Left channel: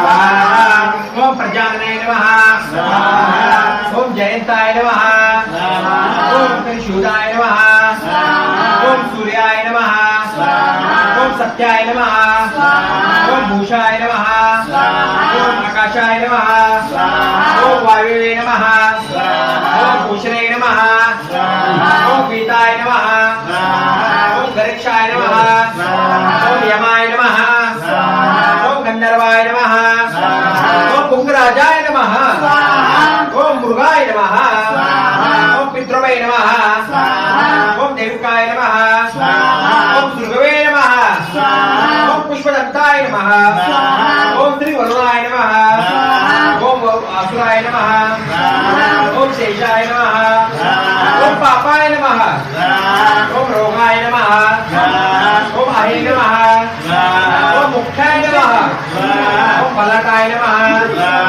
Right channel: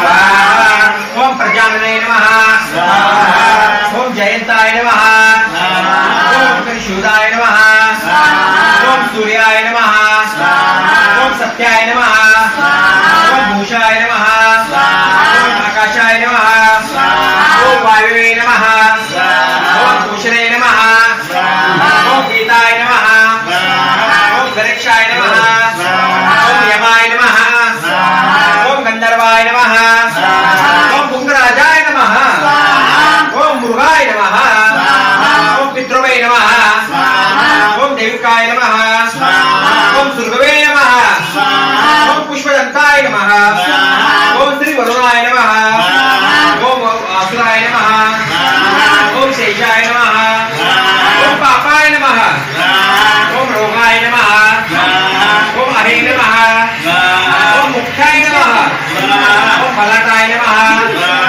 ओम प्रजानने नमः ओम जयंताय नमः ओम त्रिशूलाय नमः ओम सूर्याय नमः ओम सत्याय नमः ओम भूषाय नमः ओम आकाशाय नमः ओम वायुवे नमः ओम भूषणे नमः ओम गीताय नमः ओम गणेशाय नमः ओम यमाय नमः ओम गंधर्वाय नमः ओम पुंगराजाय नमः ओम मृगाय नमः ओम पितृवे नमः ओम देविकाय नमः ओम सुरभवे नमः ओम पुष्पदंताय नमः ओम श्री वरुणाय नमः ओम असुराय नमः ओम शेषाय नमः ओम पापाय नमः ओम रोगाय नमः ओम हरे नमः ओम मुक्ताय नमः ओम बलटाय नमः